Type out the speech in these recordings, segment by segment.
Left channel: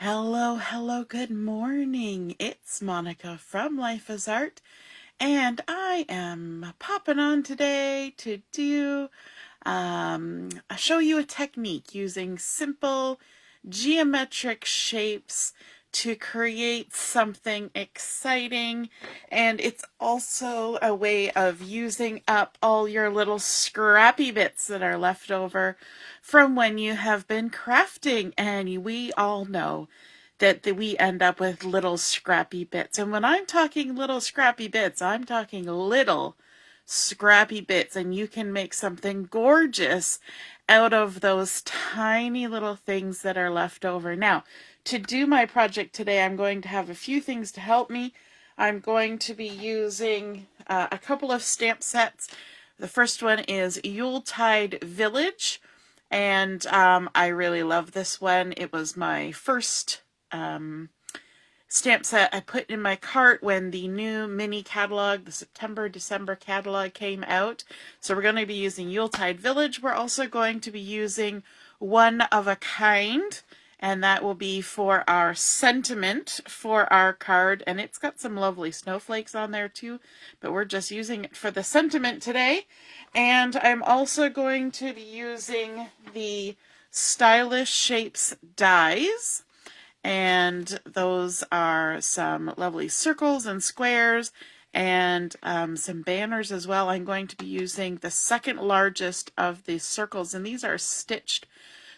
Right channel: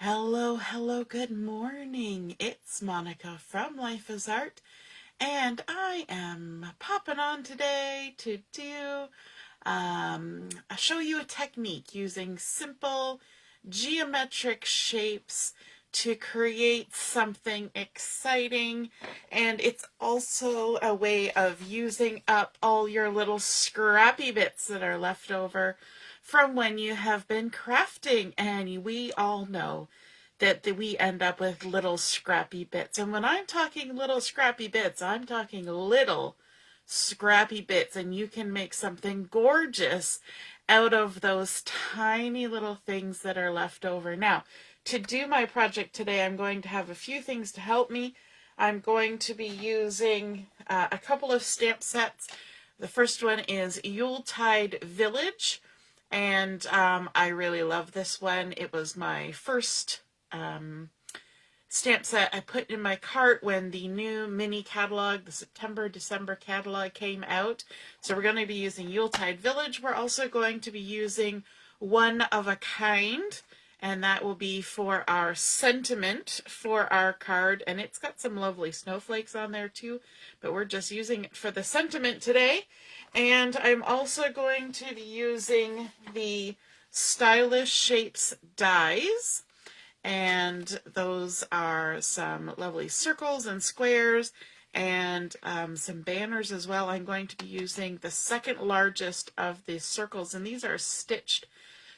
Hello, hello, good morning. It's Monica from Life is Art, and I am popping on today to show you a technique using simple geometric shapes to create something exciting, and it's also a way of using up all your little scrappy bits that are left over from when you have been crafting. And we all know that we end up with little scrappy bits, and when I'm talking little scrappy bits, I'm talking little scrappy bits, and you can make something gorgeous out of those tiny little things that are left over. Now, to do my project today, I'm going to have a few things to help me. I'm going to be using a couple of stamp sets. The first one is Yuletide Village, and I really love this one. It was my first stamp set I put in my cart when the new mini catalog, the September-December catalog, came out. So we're going to be using Yuletide Village. We're also going to be using One of a Kind, and that will be for our sentiment for our card. And it's got some lovely snowflakes on there too, but we're just using it for the sentiment today. And I'm also going to be using the Stylish Shapes dies. And those are some lovely circles and squares and some banners as well. I'm going to be using the second largest of the circles, and these are stitched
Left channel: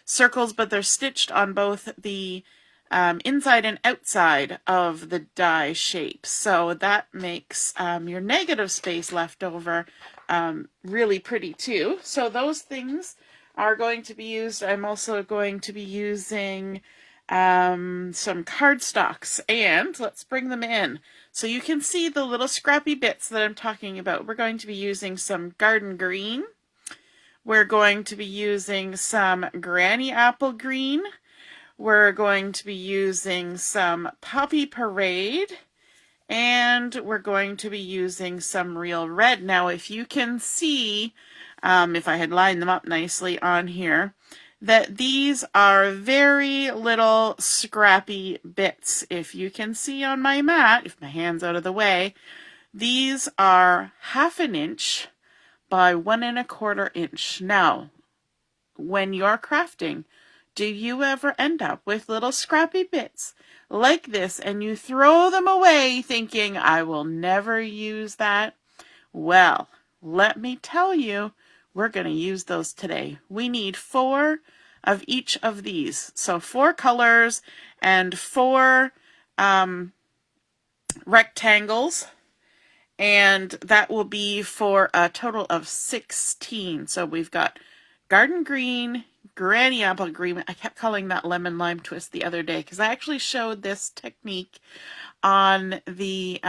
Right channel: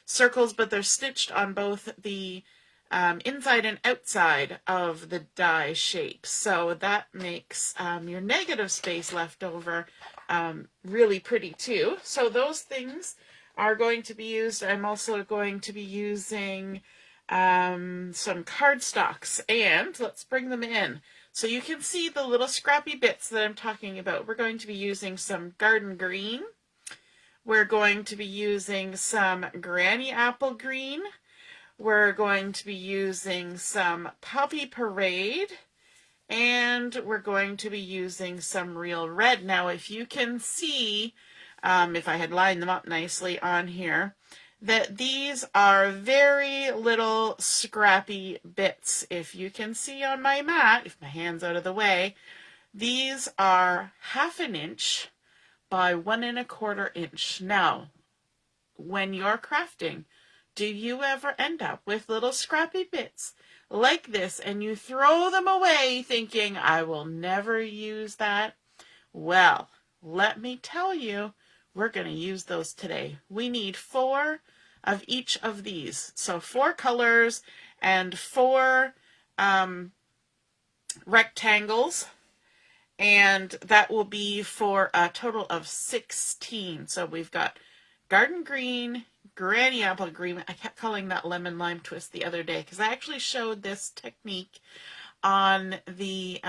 circles, but they're stitched on both the inside and outside of the die shape. So that makes your negative space left over really pretty too. So those things are going to be used. I'm also going to be using some cardstocks, and let's bring them in so you can see the little scrappy bits that I'm talking about. We're going to be using some garden green. We're going to be using some granny apple green. We're going to be using some poppy parade, and we're going to be using some real red. Now, if you can see, if I had lined them up nicely on here, that these are very little scrappy bits. If you can see on my mat, if my hand's out of the way, these are 1/2 inch by 1 1/4 inch. Now, when you're crafting, do you ever end up with little scrappy bits like this and you throw them away thinking, I will never use that? Well, let me tell you, we're going to use those today. We need 4 of each of these. So 4 colors and 4 rectangles. And that will be for a total of 16. So we've got garden green, granny apple green. I kept calling that lemon lime twist the other day because I actually showed this technique on the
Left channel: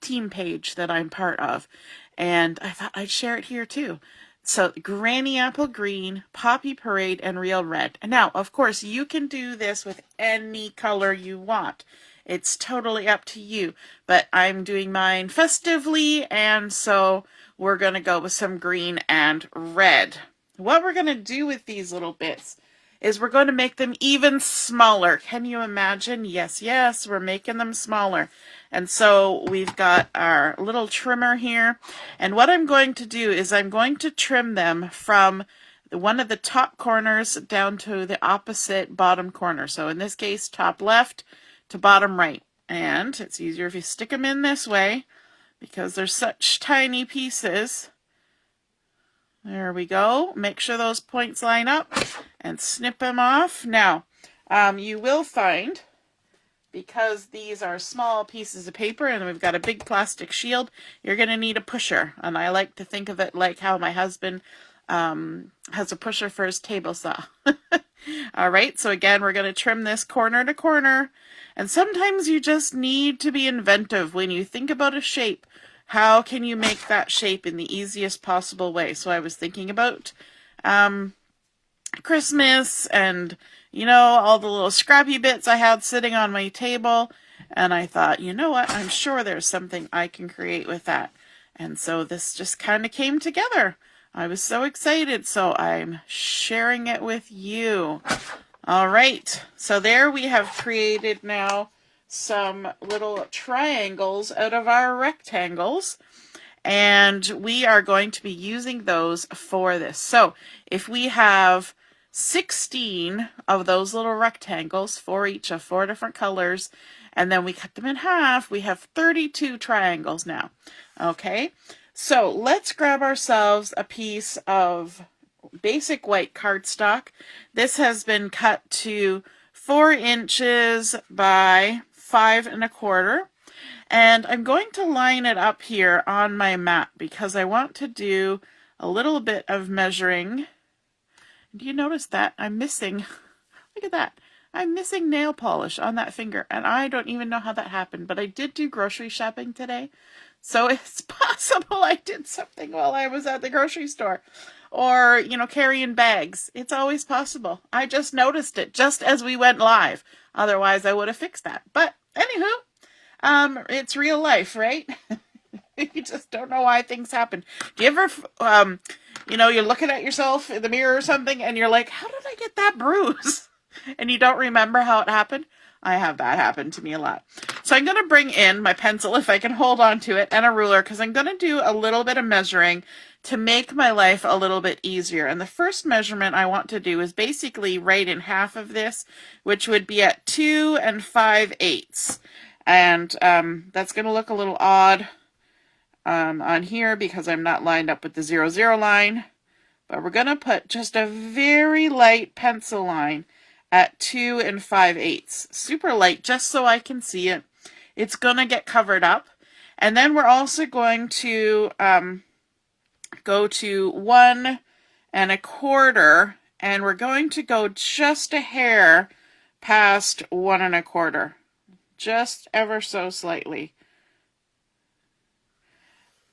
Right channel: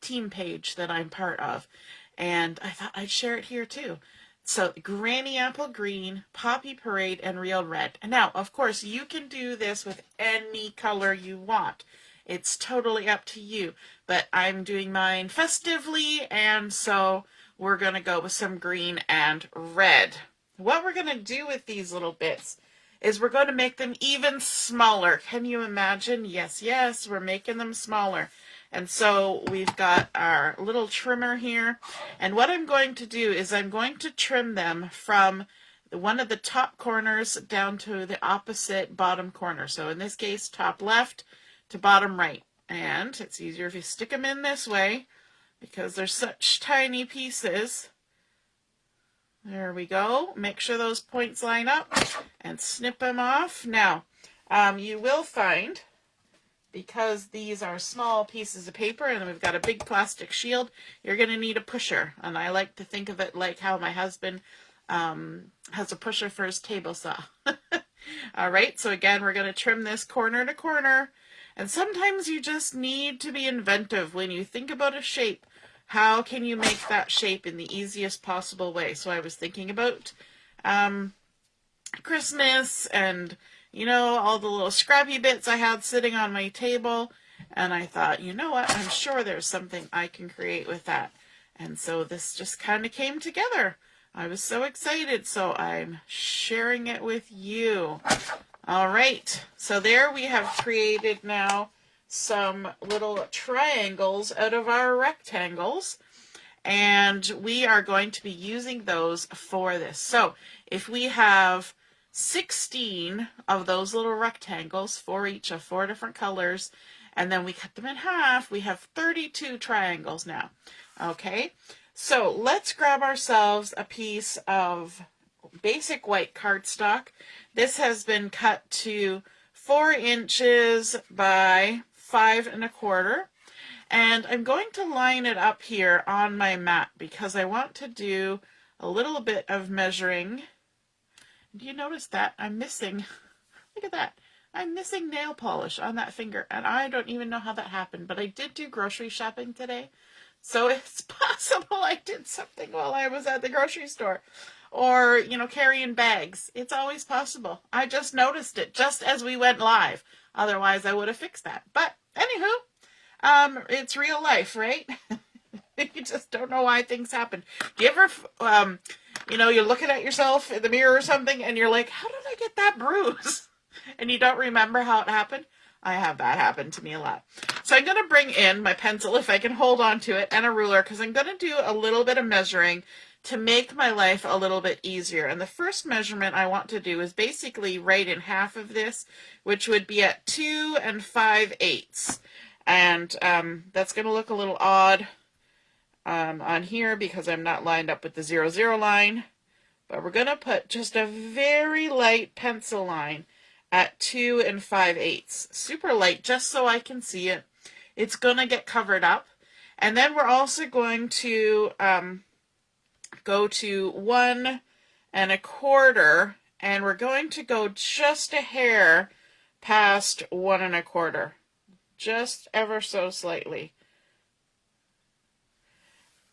team page that I'm part of. And I thought I'd share it here too. So granny apple green, poppy parade, and real red. And now, of course, you can do this with any color you want. It's totally up to you. But I'm doing mine festively, and so we're going to go with some green and red. What we're going to do with these little bits is we're going to make them even smaller. Can you imagine? Yes, yes, we're making them smaller. And so we've got our little trimmer here. And what I'm going to do is I'm going to trim them from one of the top corners down to the opposite bottom corner. So in this case, top left to bottom right. And it's easier if you stick them in this way because they're such tiny pieces. There we go. Make sure those points line up and snip them off. Now, you will find, because these are small pieces of paper and we've got a big plastic shield, you're going to need a pusher. And I like to think of it like how my husband has a pusher for his table saw. All right, so again, we're going to trim this corner to corner. And sometimes you just need to be inventive when you think about a shape. How can you make that shape in the easiest possible way? So I was thinking about Christmas and, you know, all the little scrappy bits I had sitting on my table. And I thought, you know what, I'm sure there's something I can create with that. And so this just kind of came together. I was so excited, so I'm sharing it with you. All right, so there we have created now some little triangles out of our rectangles, and we are going to be using those for this. So if we have 16 of those little rectangles, for each of 4 different colors, and then we cut them in half, we have 32 triangles now. Okay, so let's grab ourselves a piece of basic white cardstock. This has been cut to 4 inches by 5 1/4. And I'm going to line it up here on my mat because I want to do a little bit of measuring. Do you notice that I'm missing, look at that, I'm missing nail polish on that finger, and I don't even know how that happened, but I did do grocery shopping today, so it's possible I did something while I was at the grocery store, or, you know, carrying bags. It's always possible. I just noticed it just as we went live. Otherwise, I would have fixed that. But anywho, it's real life, right? You just don't know why things happen. Do you ever, you know, you're looking at yourself in the mirror or something, and you're like, how did I get that bruise? And you don't remember how it happened? I have that happen to me a lot. So I'm going to bring in my pencil, if I can hold on to it, and a ruler, because I'm going to do a little bit of measuring to make my life a little bit easier. And the first measurement I want to do is basically right in half of this, which would be at 2 5/8. And that's going to look a little odd on here because I'm not lined up with the 0, 0 line. But we're going to put just a very light pencil line at 2 5/8. Super light, just so I can see it. It's going to get covered up. And then we're also going to go to 1 1/4, and we're going to go just a hair past 1 1/4. Just ever so slightly.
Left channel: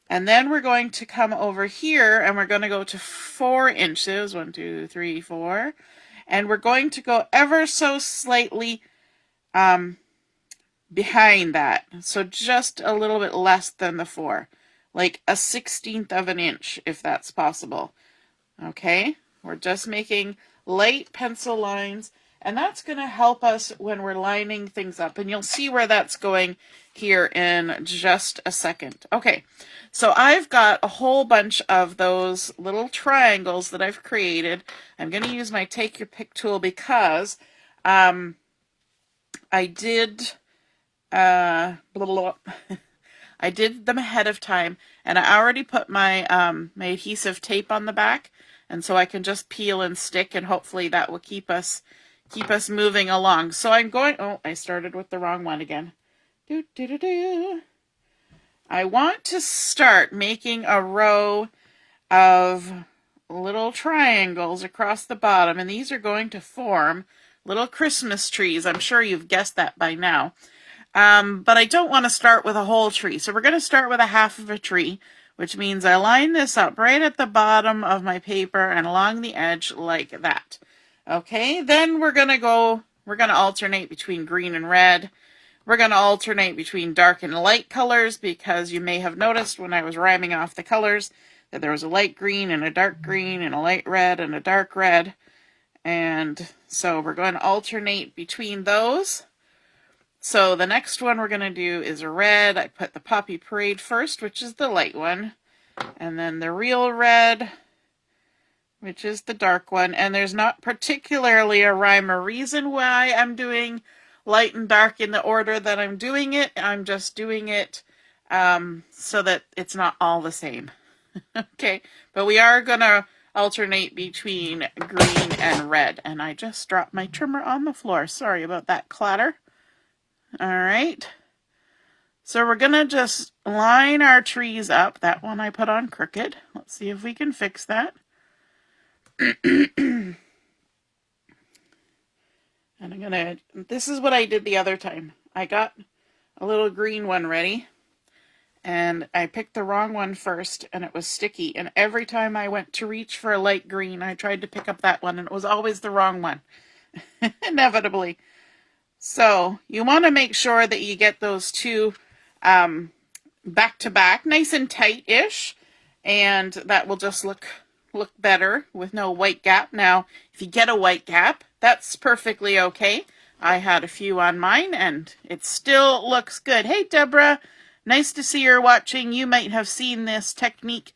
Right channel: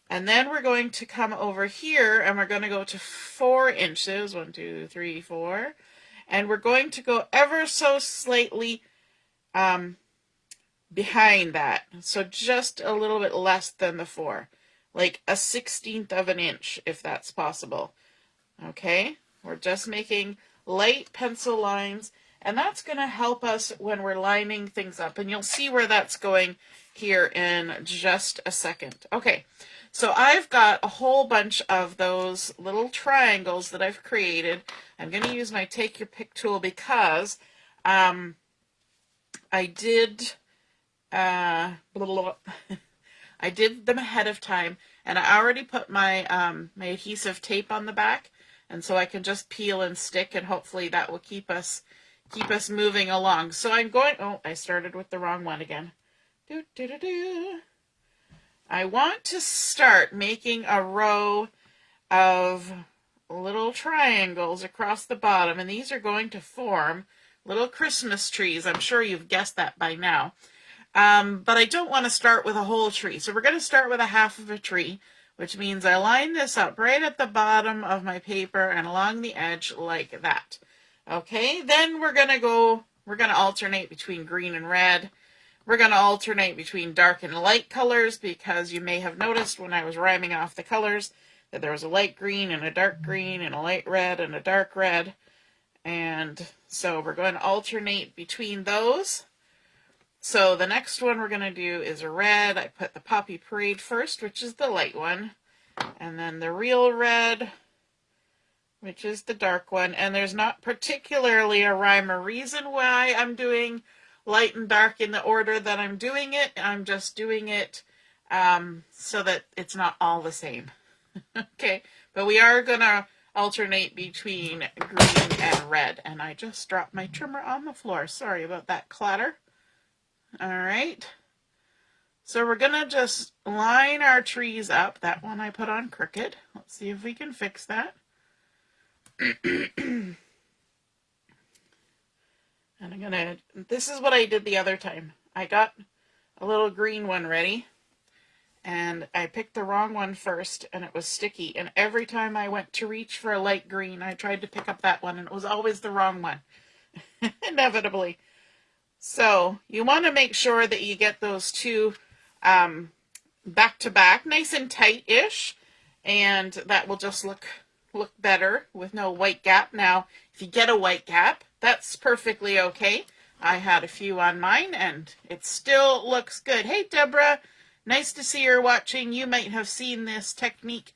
And then we're going to come over here and we're going to go to 4 inches. 1, 2, 3, 4. And we're going to go ever so slightly behind that. So just a little bit less than the 4. Like a 1/16 of an inch, if that's possible. Okay? We're just making light pencil lines. And that's going to help us when we're lining things up. And you'll see where that's going here in just a second. Okay, so I've got a whole bunch of those little triangles that I've created. I'm going to use my Take Your Pick tool because I did I did them ahead of time, and I already put my my adhesive tape on the back, and so I can just peel and stick, and hopefully that will keep us moving along. So I'm going, oh, I started with the wrong one again. I want to start making a row of little triangles across the bottom, and these are going to form little Christmas trees. I'm sure you've guessed that by now. But I don't want to start with a whole tree. So we're going to start with a half of a tree, which means I line this up right at the bottom of my paper and along the edge like that. Okay, then we're going to alternate between green and red. We're going to alternate between dark and light colors because you may have noticed when I was rhyming off the colors that there was a light green and a dark green and a light red and a dark red. And so we're going to alternate between those. So the next one we're going to do is a red. I put the Poppy Parade first, which is the light one. And then the real red, which is the dark one. And there's not particularly a rhyme or reason why I'm doing light and dark in the order that I'm doing it. I'm just doing it so that it's not all the same. Okay, but we are going to alternate between green and red. And I just dropped my trimmer on the floor. Sorry about that clatter. All right. So we're going to just line our trees up. That one I put on crooked. Let's see if we can fix that. And I'm going to, this is what I did the other time. I got a little green one ready, and I picked the wrong one first, and it was sticky. And every time I went to reach for a light green, I tried to pick up that one, and it was always the wrong one, inevitably. So you want to make sure that you get those two back to back, nice and tight-ish, and that will just look better with no white gap. Now, if you get a white gap, that's perfectly okay. I had a few on mine, and it still looks good. Hey, Deborah, nice to see you're watching. You might have seen this technique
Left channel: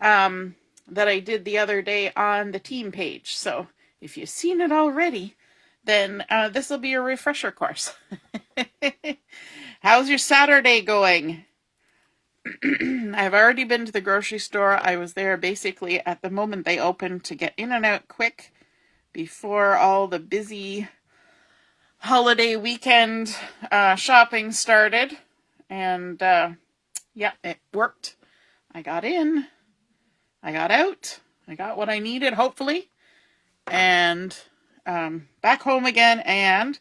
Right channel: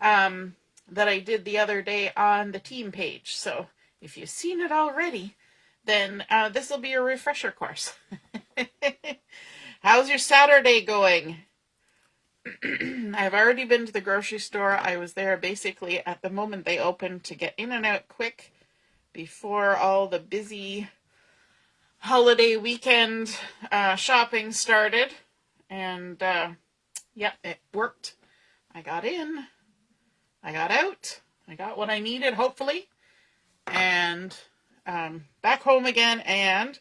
that I did the other day on the team page. So if you've seen it already, then this will be a refresher course. How's your Saturday going? I've already been to the grocery store. I was there basically at the moment they opened to get in and out quick before all the busy holiday weekend shopping started. And yeah, it worked. I got in, I got out, I got what I needed, hopefully, and back home again. And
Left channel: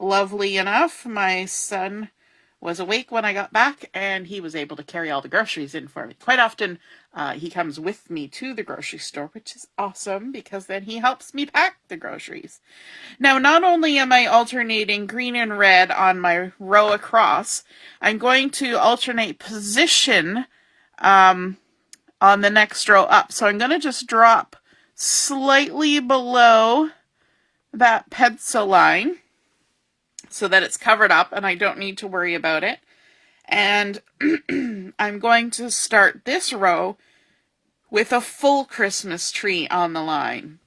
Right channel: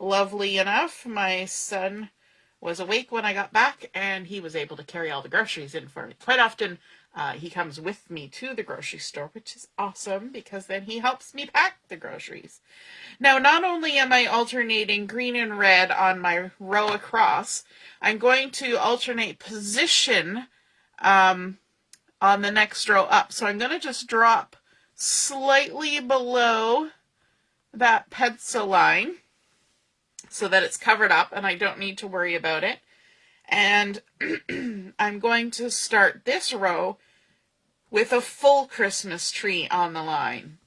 lovely enough, my son was awake when I got back, and he was able to carry all the groceries in for me. Quite often, he comes with me to the grocery store, which is awesome, because then he helps me pack the groceries. Now, not only am I alternating green and red on my row across, I'm going to alternate position on the next row up. So I'm going to just drop slightly below that pencil line so that it's covered up and I don't need to worry about it. And I'm going to start this row with a full Christmas tree on the line.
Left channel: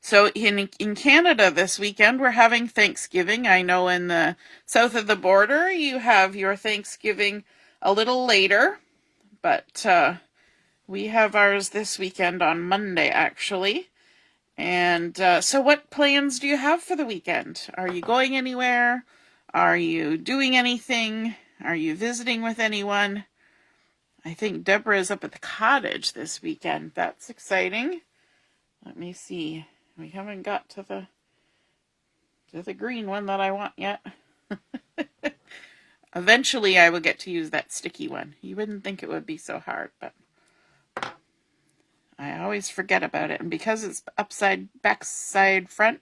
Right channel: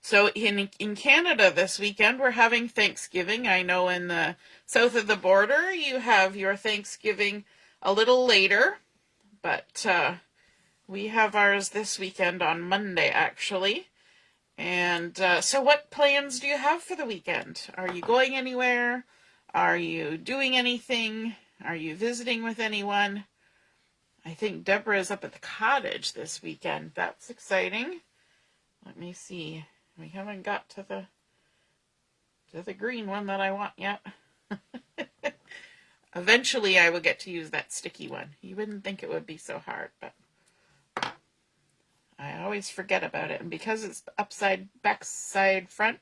So in Canada this weekend, we're having Thanksgiving. I know in the south of the border, you have your Thanksgiving a little later, but we have ours this weekend on Monday, actually. And so what plans do you have for the weekend? Are you going anywhere? Are you doing anything? Are you visiting with anyone? I think Deborah is up at the cottage this weekend. That's exciting. Let me see. We haven't got to the green one that I want yet. Eventually I will get to use that sticky one. You wouldn't think it would be so hard, but I always forget about it. And because it's upside, backside, front,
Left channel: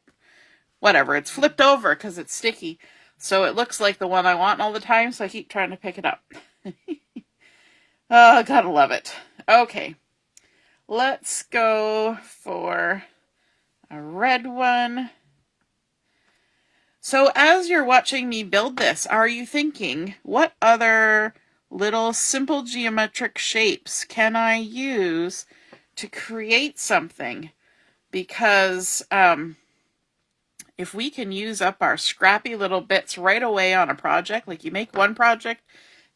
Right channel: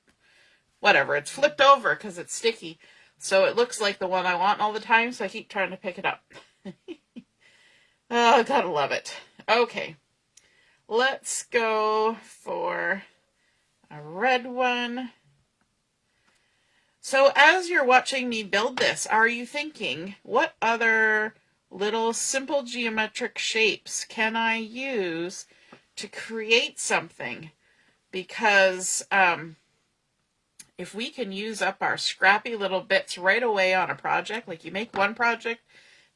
whatever, it's flipped over because it's sticky. So it looks like the one I want all the time, so I keep trying to pick it up. Oh, gotta love it. Okay, let's go for a red one. So as you're watching me build this, are you thinking, what other little simple geometric shapes can I use to create something? Because if we can use up our scrappy little bits right away on a project, like you make one project,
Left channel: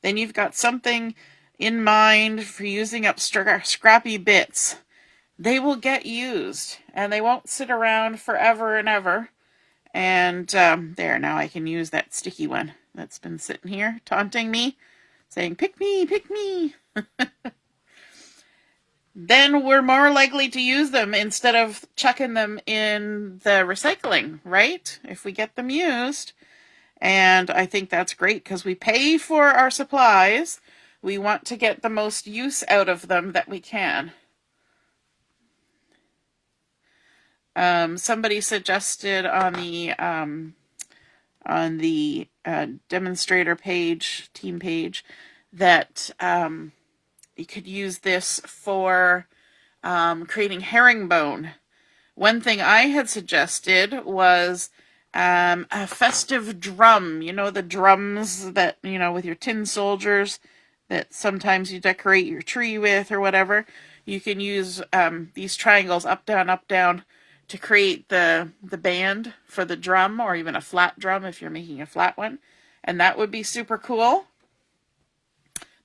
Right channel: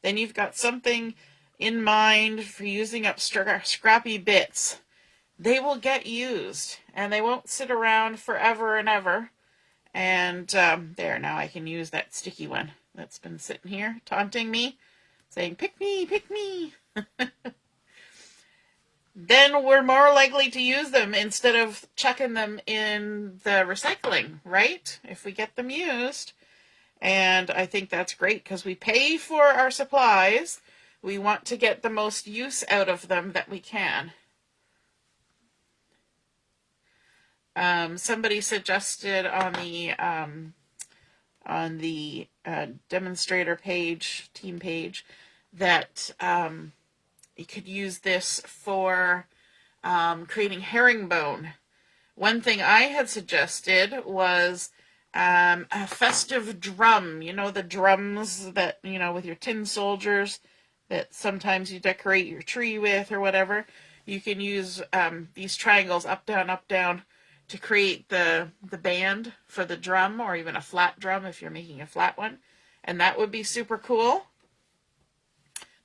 then you've got something in mind for using up scrappy bits. They will get used, and they won't sit around forever and ever. And there, now I can use that sticky one that's been sitting here taunting me, saying, pick me, pick me. Then we're more likely to use them instead of chucking them in the recycling, right? If we get them used. And I think that's great because we pay for our supplies. We want to get the most use out of them that we can. Somebody suggested on the demonstrator page, team page, that you could use this for creating herringbone. One thing I had suggested was a festive drum. You know, the drums that, you know, with your tin soldiers that sometimes you decorate your tree with or whatever. You can use these triangles up, down, to create the band for the drum, or even a flat drum if you're making a flat one. And that would be super cool.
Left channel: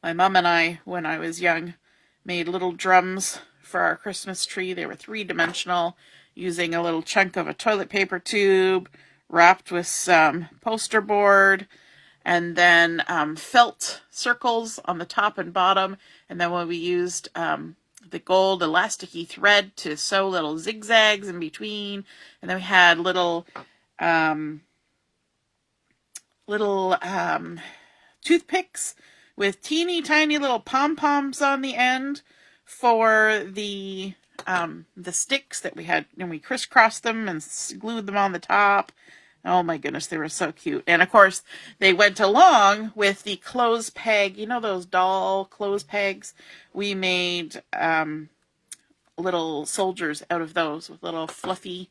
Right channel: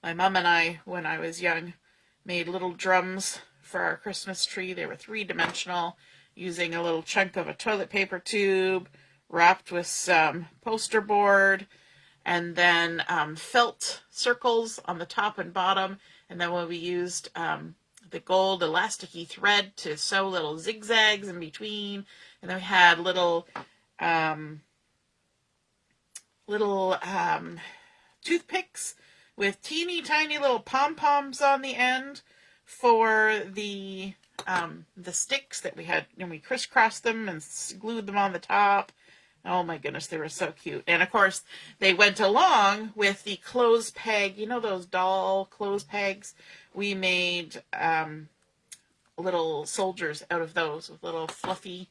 My mom and I, when I was young, made little drums for our Christmas tree. They were 3-dimensional, using a little chunk of a toilet paper tube wrapped with some poster board, and then felt circles on the top and bottom. And then when we used the gold elasticy thread to sew little zigzags in between, and then we had little toothpicks with teeny tiny little pom-poms on the end for the sticks that we had, and we crisscrossed them and glued them on the top. Oh my goodness, they were so cute. And of course, they went along with the clothes peg, you know, those doll clothes pegs. We made little soldiers out of those with little fluffy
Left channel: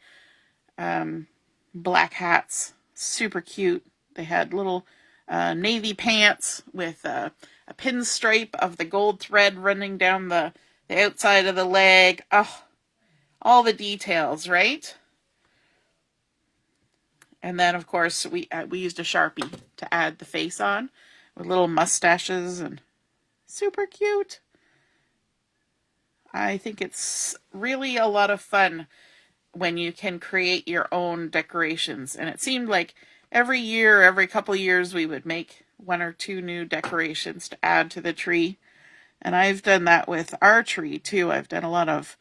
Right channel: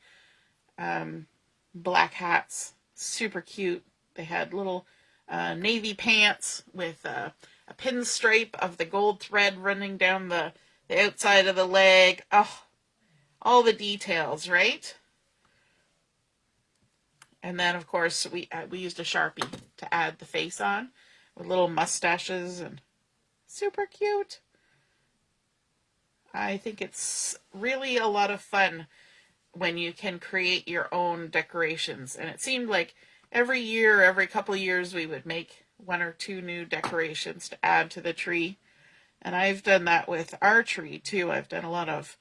black hats. Super cute. They had little navy pants with a pinstripe of the gold thread running down the outside of the leg. Oh, all the details, right? And then, of course, we used a Sharpie to add the face on with little mustaches, and super cute. I think it's really a lot of fun when you can create your own decorations. And it seemed like every year, every couple years, we would make 1 or 2 new decorations to add to the tree. And I've done that with our tree too. I've done a lot of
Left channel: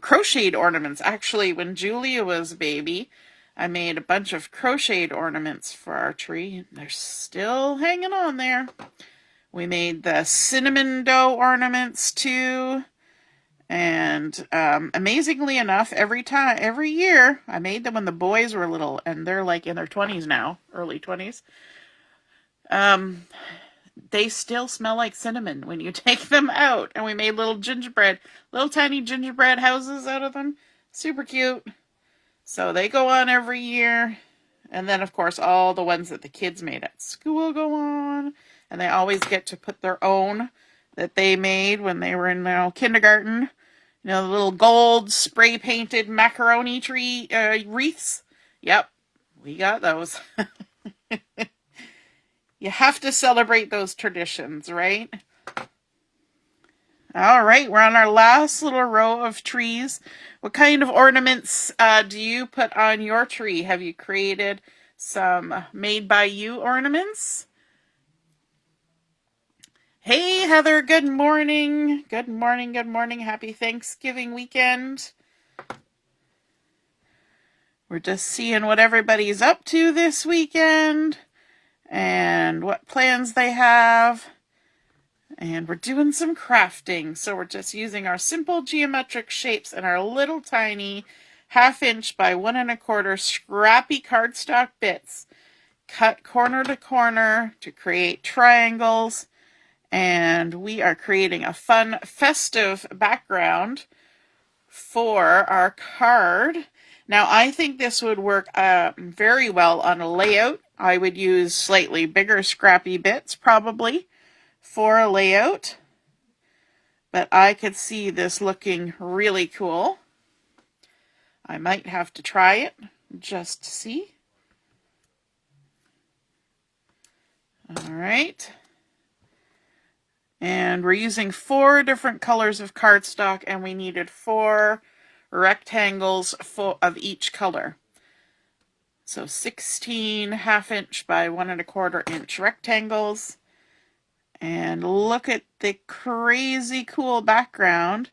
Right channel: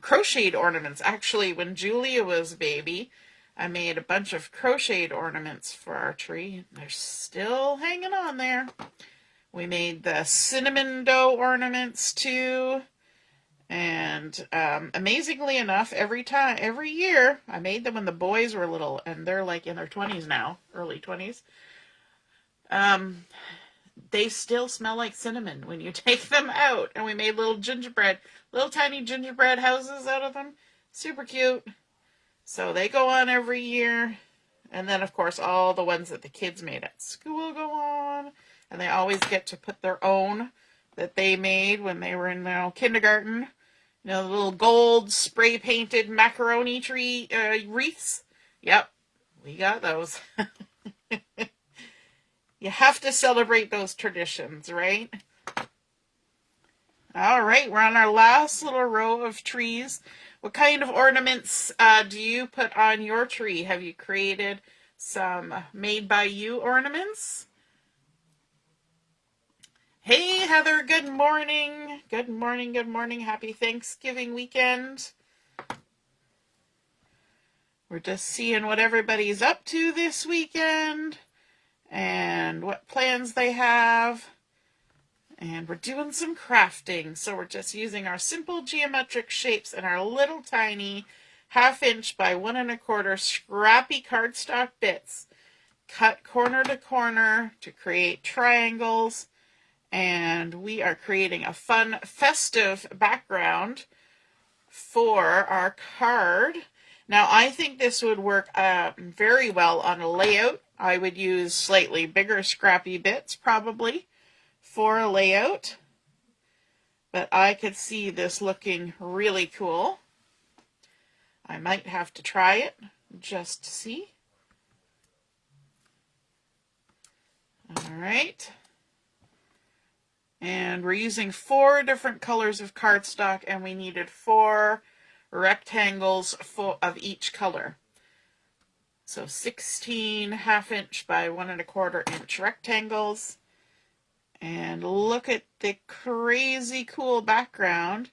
crocheted ornaments. Actually, when Julia was a baby, I made a bunch of crocheted ornaments for our tree. They're still hanging on there. We made the cinnamon dough ornaments too. And amazingly enough, every year, I made them when the boys were little, and they're like in their 20s now, early 20s. They still smell like cinnamon when you take them out. And we made little tiny gingerbread houses out of them. Super cute. So they go on every year. And then, of course, all the ones that the kids made at school go on. And they always get to put their own that they made when they were in kindergarten. You know, the little gold spray painted macaroni tree wreaths. Yep, we got those. You have to celebrate those traditions, right? All right, we're on our last little row of trees. What kind of ornaments do you put on your tree? Have you created some made by you ornaments? Hey, Heather, good morning. Good morning, good morning. Happy Thanksgiving weekend. We're just seeing what everybody's up to this weekend and what plans they have. And we're doing some crafting. So we're just using our simple geometric shapes and our little tiny 1/2 inch by 1 1/4 scrappy cardstock bits cut corner to corner to create triangles. And we are creating a fun festive background for our card. Now, I think this would work very well on a layout. I would use slightly bigger scrappy bits probably for a layout. But I could see this looking really cool. I might have to try it just to see. All right. And we're using 4 different colors of cardstock, and we needed 4 rectangles of each color. So 16 1/2 inch by 1 1/4 inch rectangles. And look at the crazy cool background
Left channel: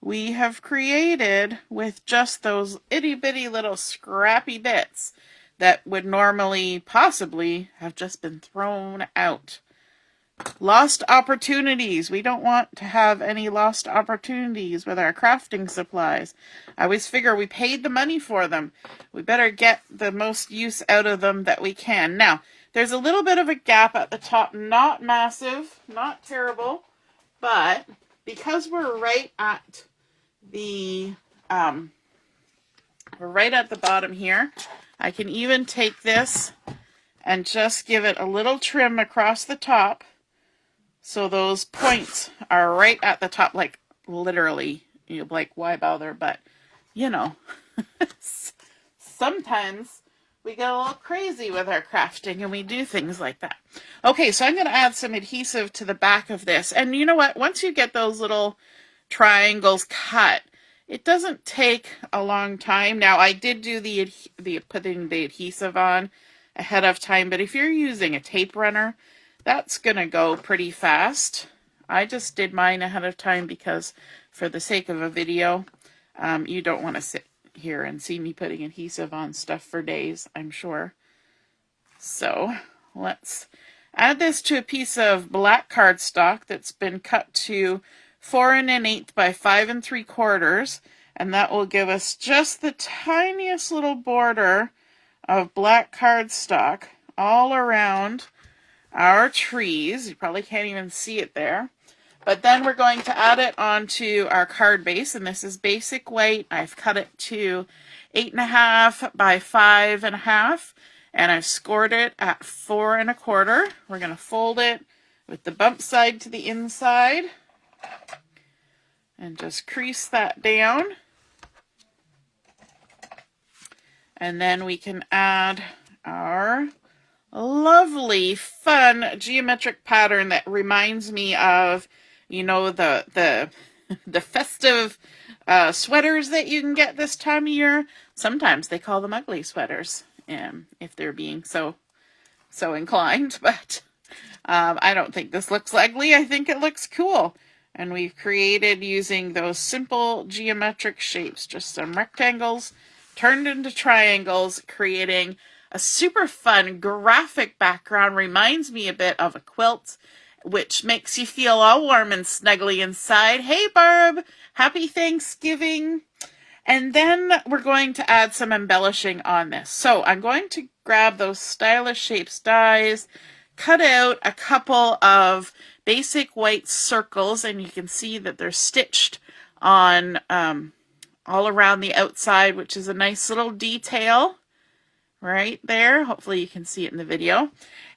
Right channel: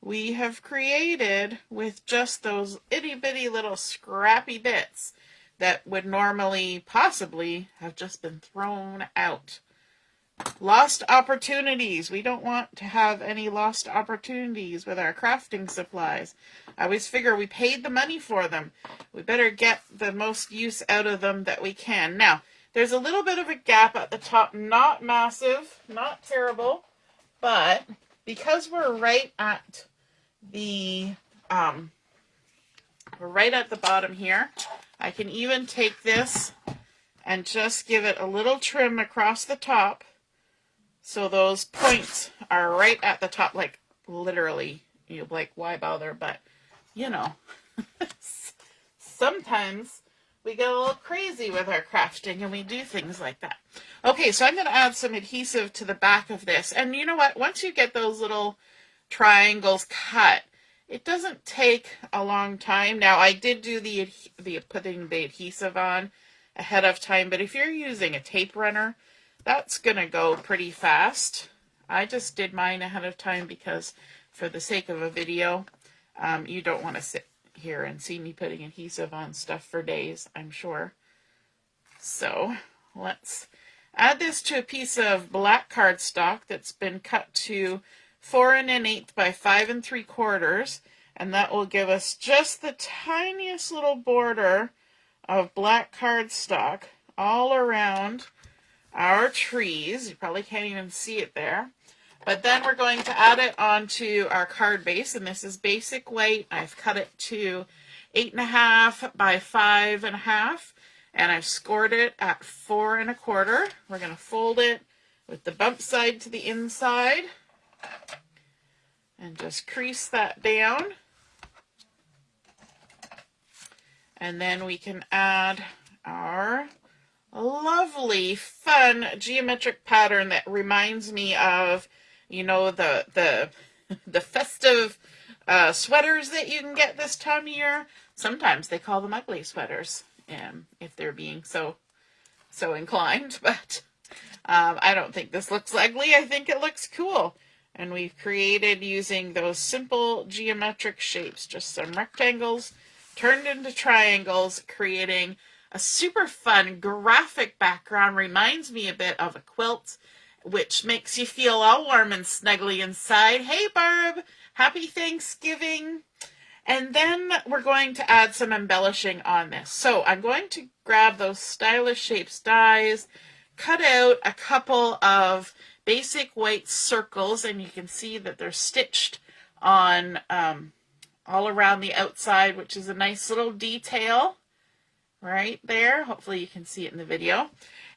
we have created with just those itty bitty little scrappy bits that would normally possibly have just been thrown out. Lost opportunities. We don't want to have any lost opportunities with our crafting supplies. I always figure we paid the money for them. We better get the most use out of them that we can. Now, there's a little bit of a gap at the top. Not massive, not terrible, but because we're right at the bottom here, I can even take this and just give it a little trim across the top. So those points are right at the top, like literally, you're like, why bother? But, you know, sometimes we get a little crazy with our crafting and we do things like that. Okay, so I'm going to add some adhesive to the back of this. And you know what? Once you get those little triangles cut, it doesn't take a long time. Now, I did do the putting the adhesive on ahead of time, but if you're using a tape runner, that's going to go pretty fast. I just did mine ahead of time because for the sake of a video, you don't want to sit here and see me putting adhesive on stuff for days, I'm sure. So let's add this to a piece of black cardstock that's been cut to 4 1/8 by 5 3/4, and that will give us just the tiniest little border of black cardstock all around our trees. You probably can't even see it there, But then we're going to add it onto our card base, and this is basic white. I've cut it to 8.5 by 5.5, and I've scored it at 4 1/4. We're going to fold it with the bump side to the inside and just crease that down. And then we can add our lovely, fun geometric pattern that reminds me of, you know, the festive sweaters that you can get this time of year. Sometimes they call them ugly sweaters, if they're being so inclined. But I don't think this looks ugly. I think it looks cool. And we've created, using those simple geometric shapes, just some rectangles turned into triangles, creating a super fun graphic background. Reminds me a bit of a quilt, which makes you feel all warm and snuggly inside. Hey Barb, happy Thanksgiving. And then we're going to add some embellishing on this. So I'm going to grab those stylish shapes dies, cut out a couple of basic white circles, and you can see that they're stitched on all around the outside, which is a nice little detail right there. Hopefully you can see it in the video.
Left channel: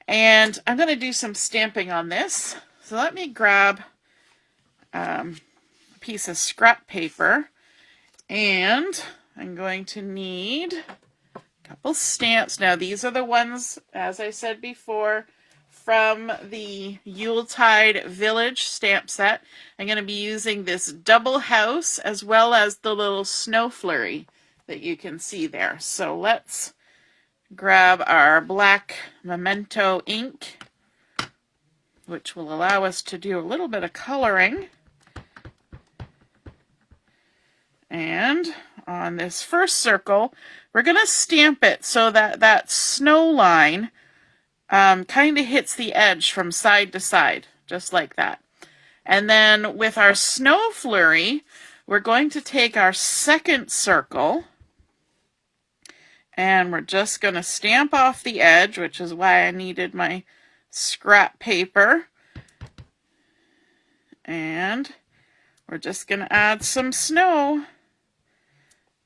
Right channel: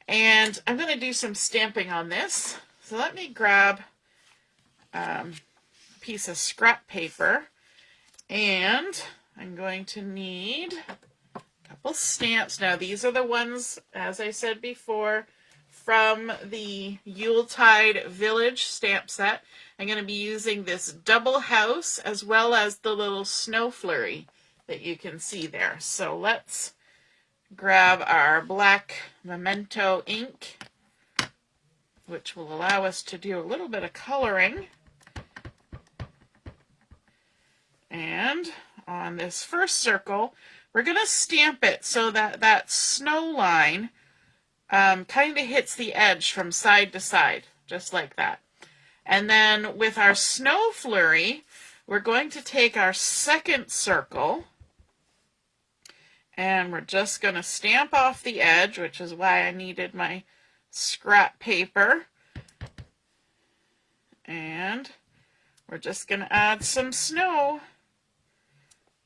And I'm going to do some stamping on this. So let me grab a piece of scrap paper, and I'm going to need a couple stamps. Now these are the ones, as I said before, from the Yuletide Village stamp set. I'm going to be using this double house as well as the little snow flurry that you can see there. So let's grab our black Memento ink, which will allow us to do a little bit of coloring. And on this first circle, we're going to stamp it so that that snow line kind of hits the edge from side to side, just like that. And then with our snow flurry, we're going to take our second circle, and we're just going to stamp off the edge, which is why I needed my scrap paper. And we're just going to add some snow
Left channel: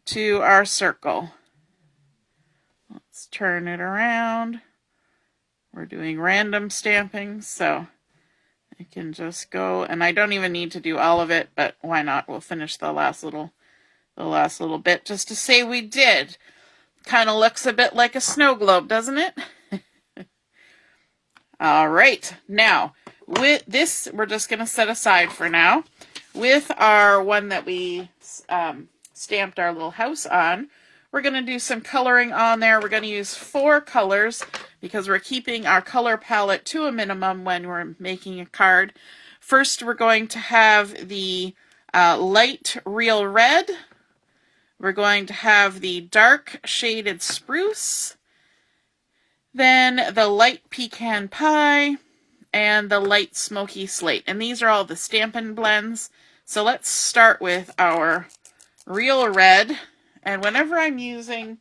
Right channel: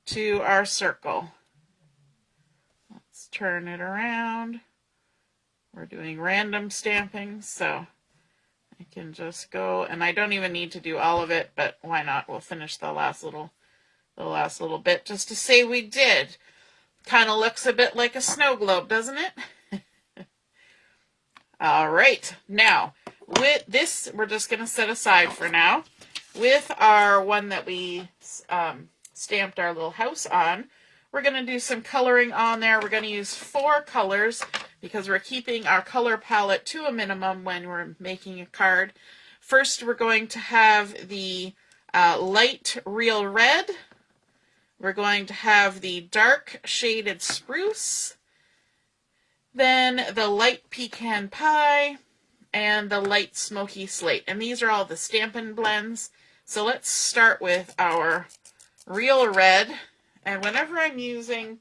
to our circle. Let's turn it around. We're doing random stamping, so I can just go, and I don't even need to do all of it, but why not? We'll finish the last little bit just to say we did. Kind of looks a bit like a snow globe, doesn't it? All right, now with this, we're just going to set aside for now. With our one that we stamped our little house on, we're going to do some coloring on there. We're going to use 4 colors because we're keeping our color palette to a minimum when we're making a card. First, we're going to have the light real red. We're going to have the dark shaded spruce, then the light pecan pie, and the light smoky slate. And these are all the Stampin Blends. So let's start with our real red. And whenever I'm using,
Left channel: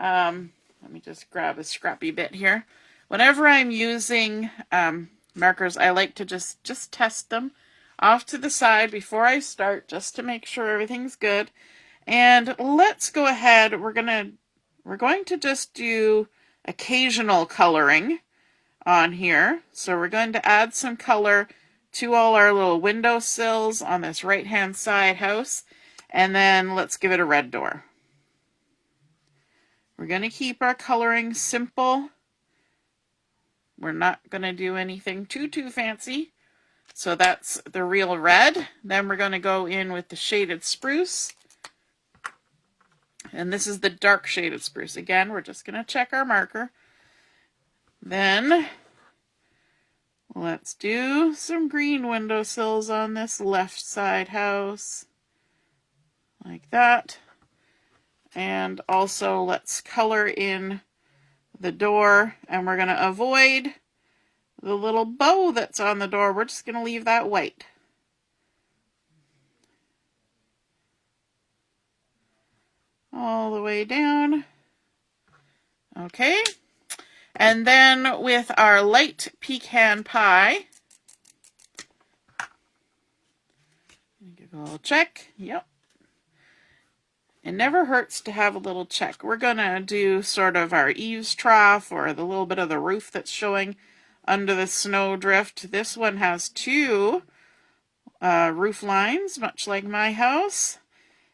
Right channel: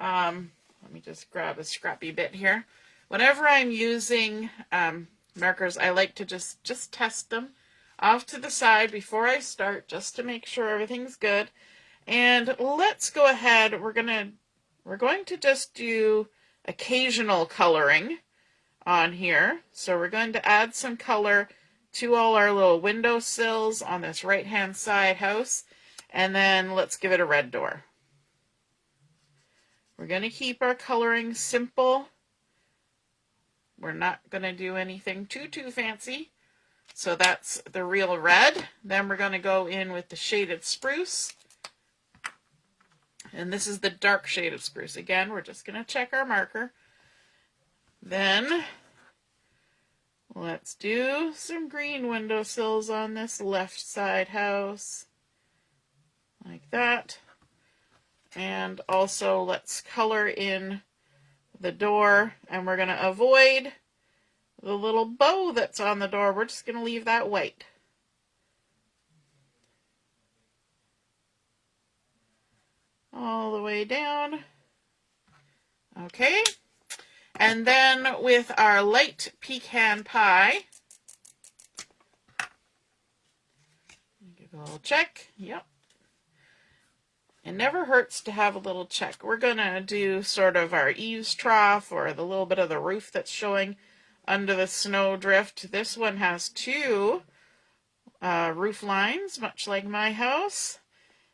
let me just grab a scrappy bit here. Whenever I'm using markers, I like to just test them off to the side before I start, just to make sure everything's good. And let's go ahead. We're going to just do occasional coloring on here. So we're going to add some color to all our little windowsills on this right-hand side house. And then let's give it a red door. We're going to keep our coloring simple. We're not going to do anything too fancy. So that's the real red. Then we're going to go in with the shaded spruce. And this is the dark shaded spruce. Again, we're just going to check our marker. Then let's do some green windowsills on this left side house. Like that. And also let's color in the door, and we're going to avoid the little bow that's on the door. We're just going to leave that white. All the way down. Okay. And then with our light pecan pie, We'll check. Yep. It never hurts to have a little check. We're going to do sort of our eaves trough or the little bit of the roof that's showing under the snow drift. This one has two roof lines, much like my house.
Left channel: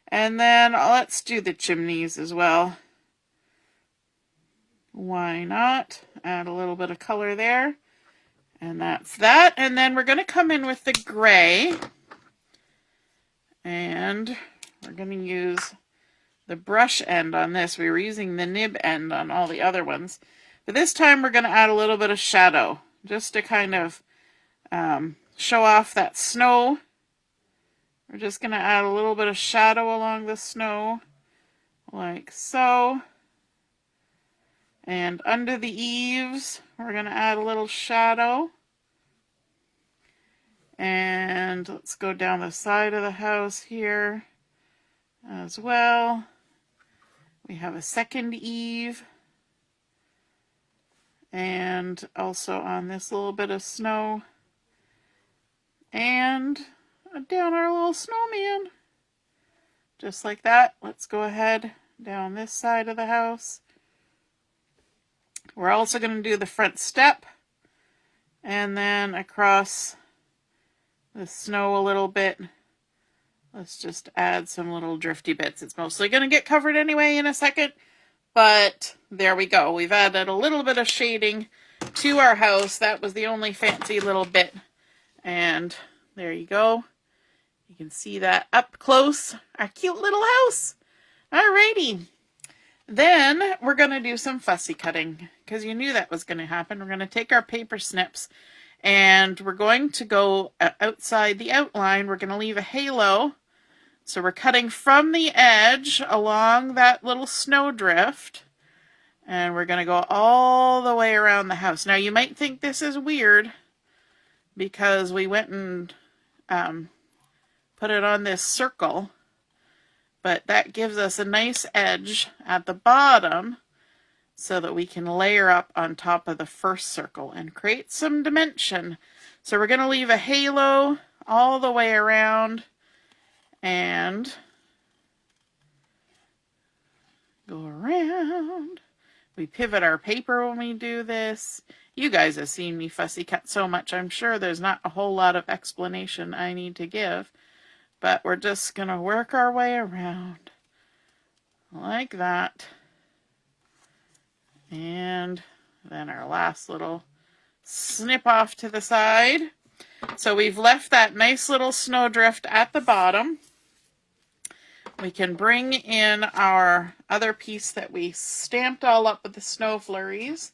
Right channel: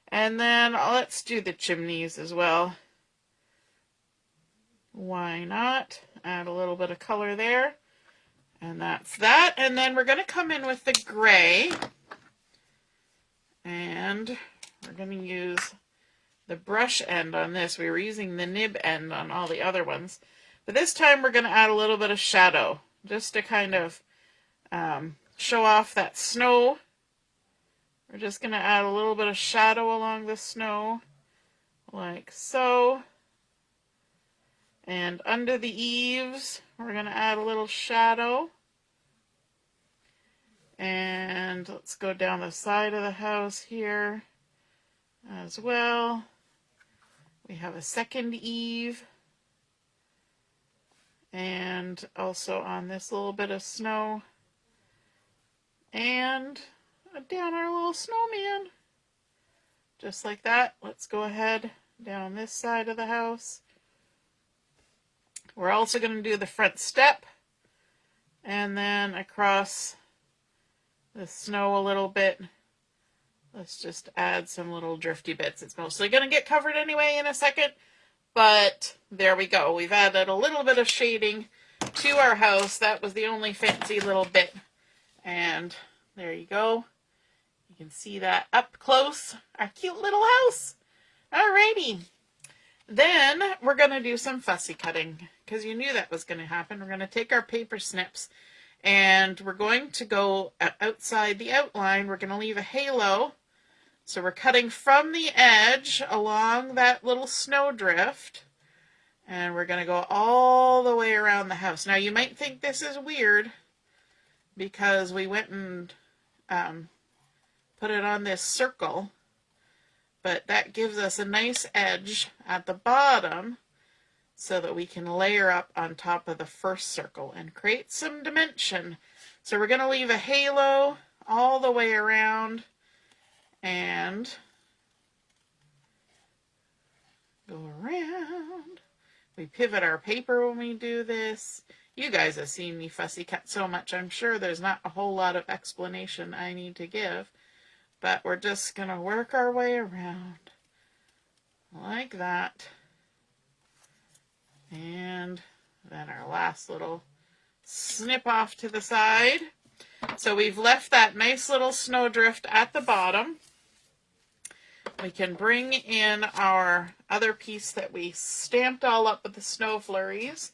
And then let's do the chimneys as well. Why not? Add a little bit of color there. And that's that. And then we're going to come in with the gray. And we're going to use the brush end on this. We were using the nib end on all the other ones. But this time we're going to add a little bit of shadow, just to kind of show off that snow. We're just going to add a little bit of shadow along the snow, like so. And under the eaves, we're going to add a little shadow. And let's go down the side of the house here as well. We have a second eave. And also on this little bit of snow. And down our little snowman. Just like that. Let's go ahead down this side of the house. We're also going to do the front step. And then across the snow a little bit. Let's just add some little drifty bits. It's mostly going to get covered anyway in a second. But there we go. We've added a little bit of shading to our house. That was the only fancy little bit. And there you go. You can see that up close. Our cute little house. Alrighty. Then we're going to do some fussy cutting, because you knew that was going to happen. We're going to take our paper snips and we're going to go outside the outline. We're going to leave a halo. So we're cutting from the edge along that little snowdrift, and we're going to go all the way around the house. Now you might think this is weird because we went and put it on this circle, but that gives us a nice edge at the bottom so that we can layer up on top of the first circle and create some dimension. So we're going to leave a halo all the way around and go around. We pivot our paper when we do this. You guys have seen me fussy cut so much, I'm sure there's not a whole lot of explanation I need to give. But we're just going to work our way around like that. And then our last little snip off to the side. So we've left that nice little snowdrift at the bottom. We can bring in our other piece that we stamped all up with the snow flurries.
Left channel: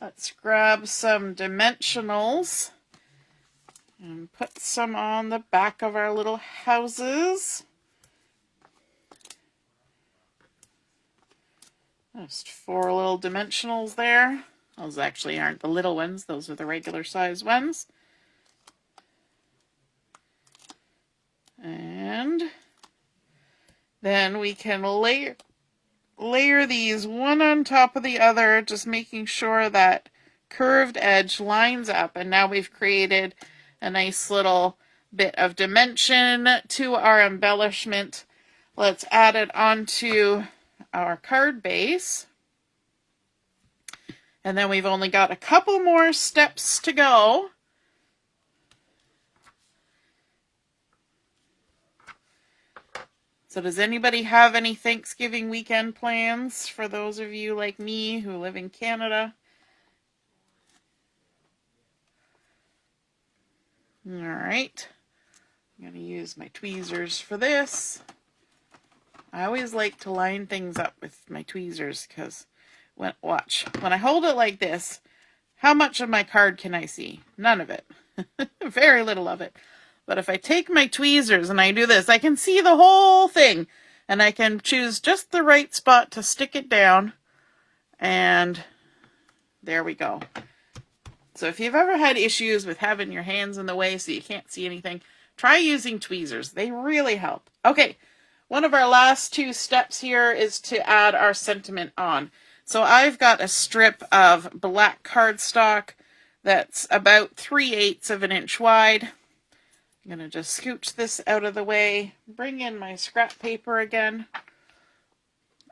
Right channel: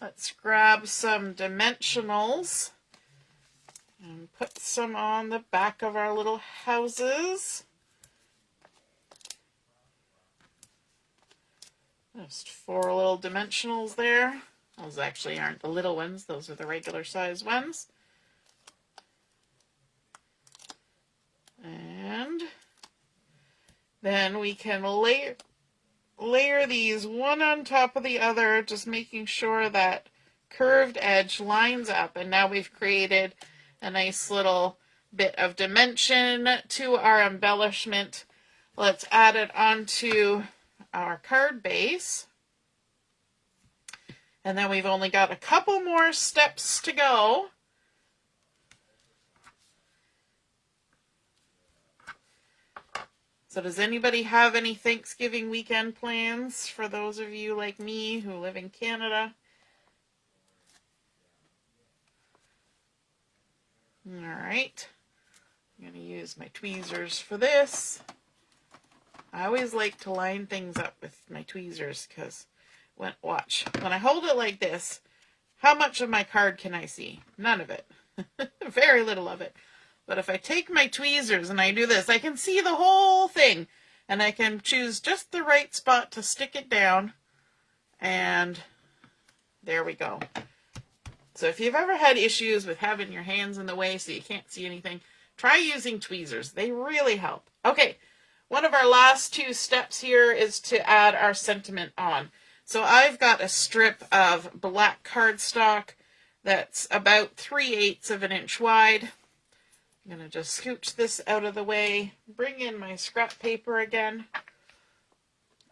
Let's grab some dimensionals and put some on the back of our little houses. Just 4 little dimensionals there. Those actually aren't the little ones, those are the regular size ones. And then we can layer these one on top of the other, just making sure that curved edge lines up. And now we've created a nice little bit of dimension to our embellishment. Let's add it onto our card base. And then we've only got a couple more steps to go. So does anybody have any Thanksgiving weekend plans for those of you like me who live in Canada? All right. I'm going to use my tweezers for this. I always like to line things up with my tweezers because, watch, when I hold it like this, how much of my card can I see? None of it. Very little of it. But if I take my tweezers and I do this, I can see the whole thing. And I can choose just the right spot to stick it down. And there we go. So if you've ever had issues with having your hands in the way so you can't see anything, try using tweezers. They really help. Okay, one of our last 2 steps here is to add our sentiment on. So I've got a strip of black cardstock that's about 3/8 of an inch wide. I'm going to just scooch this out of the way, bring in my scrap paper again,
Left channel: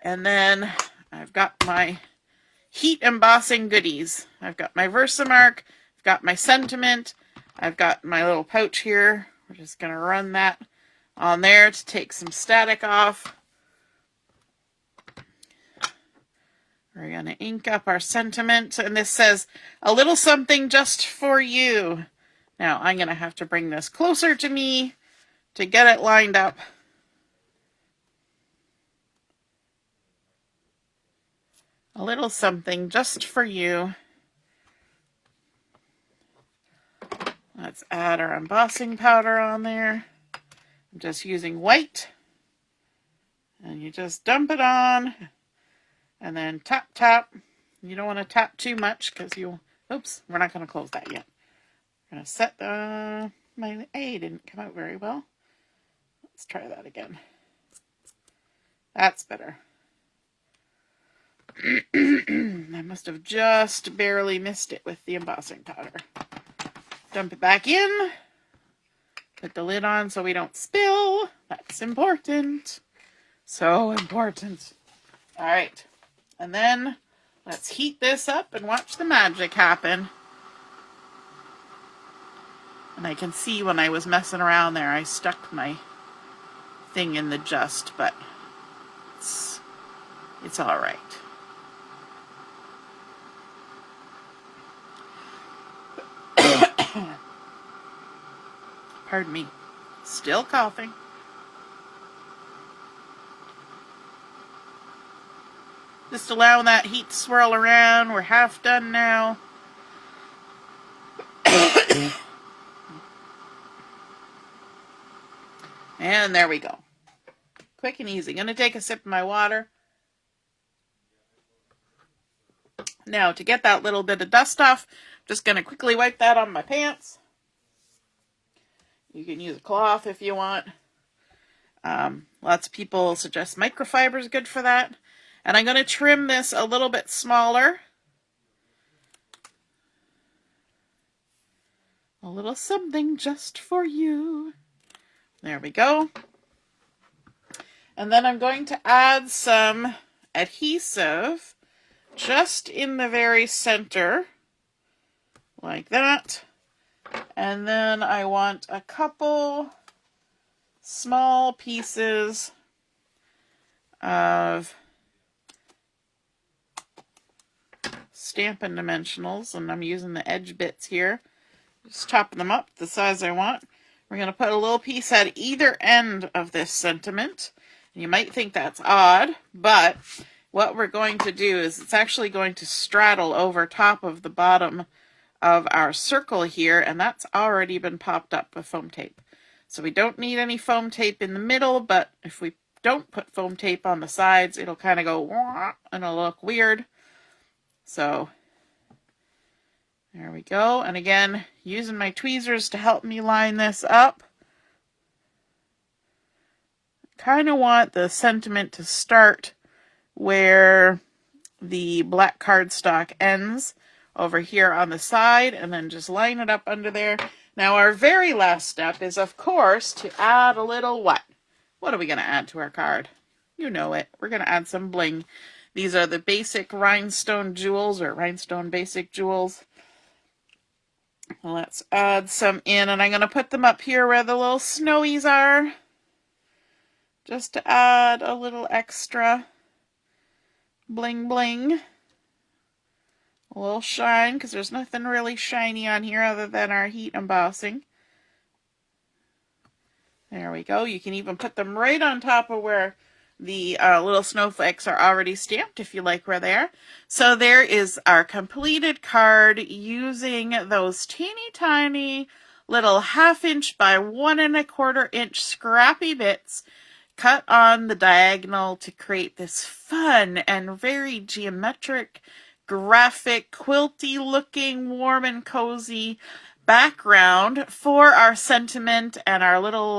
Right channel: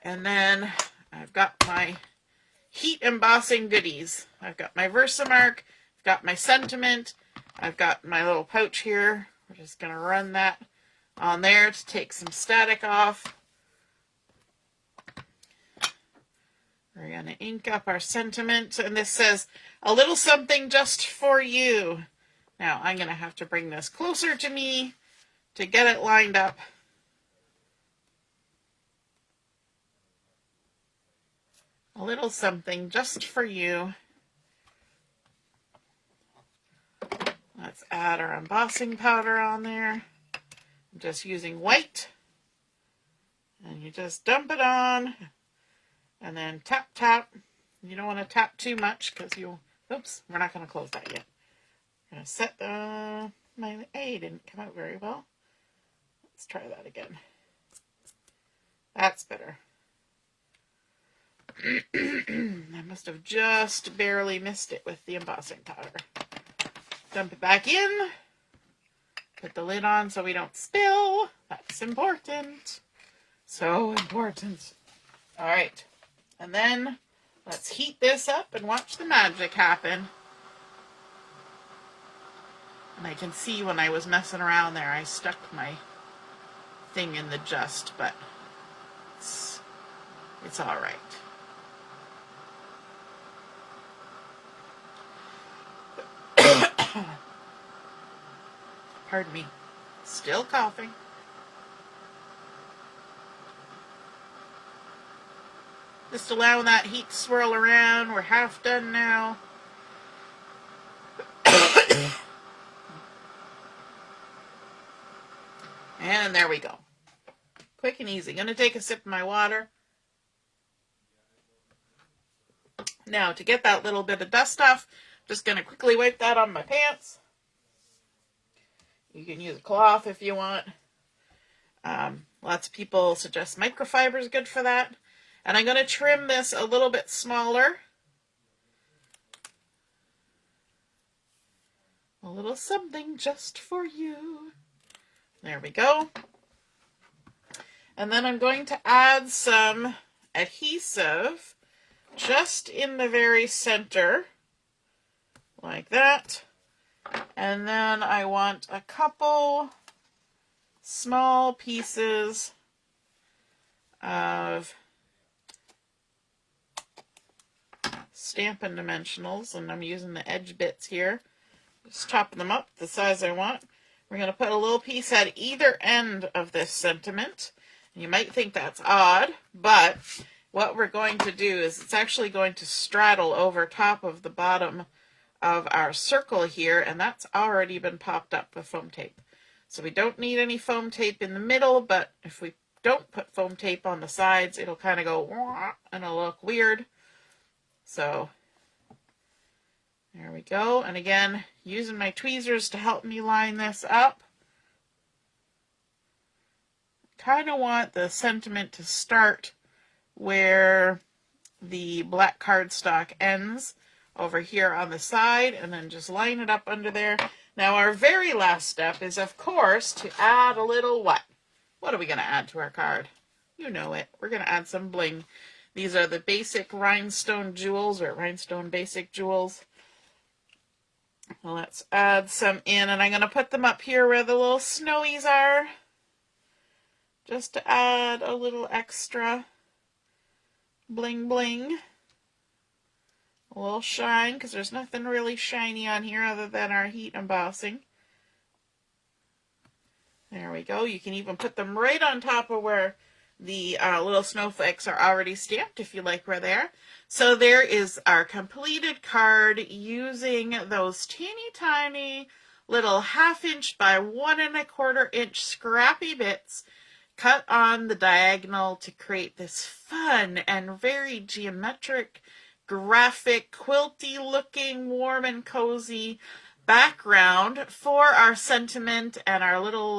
and then I've got my heat embossing goodies. I've got my Versamark, I've got my sentiment, I've got my little pouch here. We're just going to run that on there to take some static off. We're going to ink up our sentiment, and this says, "A little something just for you." Now, I'm going to have to bring this closer to me to get it lined up. A little something just for you. Let's add our embossing powder on there. I'm just using white. And you just dump it on. And then tap, tap. You don't want to tap too much because you'll... Oops, we're not going to close that yet. I'm going to set the... My A didn't come out very well. Let's try that again. That's better. I must have just barely missed it with the embossing powder. Dump it back in. Put the lid on so we don't spill. That's important. So important. All right. And then let's heat this up and watch the magic happen. And I can see when I was messing around there, I stuck my thing in the just, but it's all right. Pardon me. Still coughing. Just allowing that heat to swirl around. We're half done now. And there we go. Quick and easy. Going to take a sip of my water. Now, to get that little bit of dust off, just going to quickly wipe that on my pants. You can use a cloth if you want. Lots of people suggest microfiber is good for that. And I'm going to trim this a little bit smaller. A little something just for you. There we go. And then I'm going to add some adhesive just in the very center, like that. And then I want a couple small pieces of Stampin' Dimensionals, and I'm using the edge bits here. Just chopping them up the size I want. We're going to put a little piece at either end of this sentiment. You might think that's odd, but what we're going to do is it's actually going to straddle over top of the bottom of our circle here, and that's already been popped up with foam tape. So we don't need any foam tape in the middle, but if we don't put foam tape on the sides, it'll kind of go wah, and it'll look weird. So there we go. And again, using my tweezers to help me line this up. Kind of want the sentiment to start where the black cardstock ends over here on the side, and then just line it up under there. Now our very last step is, of course, to add a little what? What are we going to add to our card? You know it. We're going to add some bling. These are the basic rhinestone jewels, or rhinestone basic jewels. Let's add some in, and I'm going to put them up here where the little snowies are, just to add a little extra bling bling. A little shine, because there's nothing really shiny on here other than our heat embossing. There we go. You can even put them right on top of where the little snowflakes are already stamped if you like where they are. So there is our completed card using those teeny tiny little 1/2 inch by 1 1/4 inch scrappy bits cut on the diagonal to create this fun and very geometric, graphic, quilty looking, warm and cozy background for our sentiment and our little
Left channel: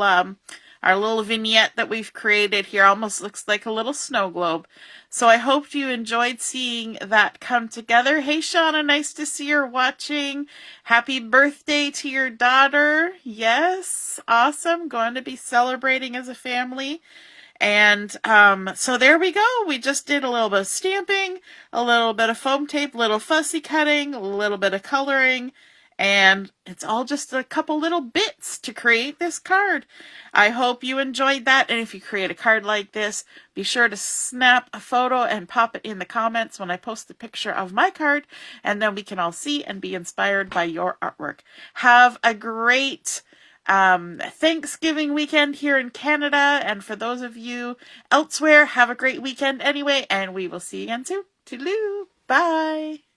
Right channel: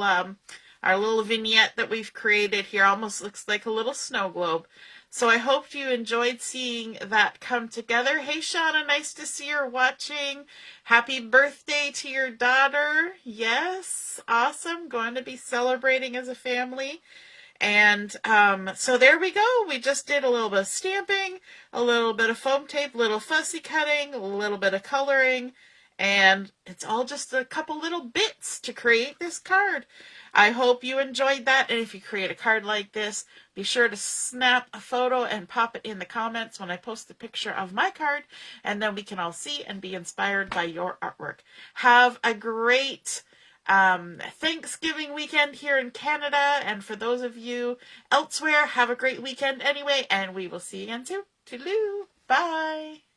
our little vignette that we've created here. Almost looks like a little snow globe. So I hope you enjoyed seeing that come together. Hey, Shauna, nice to see you're watching. Happy birthday to your daughter. Yes, awesome. Going to be celebrating as a family. And so there we go. We just did a little bit of stamping, a little bit of foam tape, little fussy cutting, a little bit of coloring, and it's all just a couple little bits to create this card. I hope you enjoyed that, and if you create a card like this, be sure to snap a photo and pop it in the comments when I post the picture of my card, and then we can all see and be inspired by your artwork. Have a great Thanksgiving weekend here in Canada, and for those of you elsewhere, have a great weekend anyway, and we will see you again soon. Toodaloo! Bye!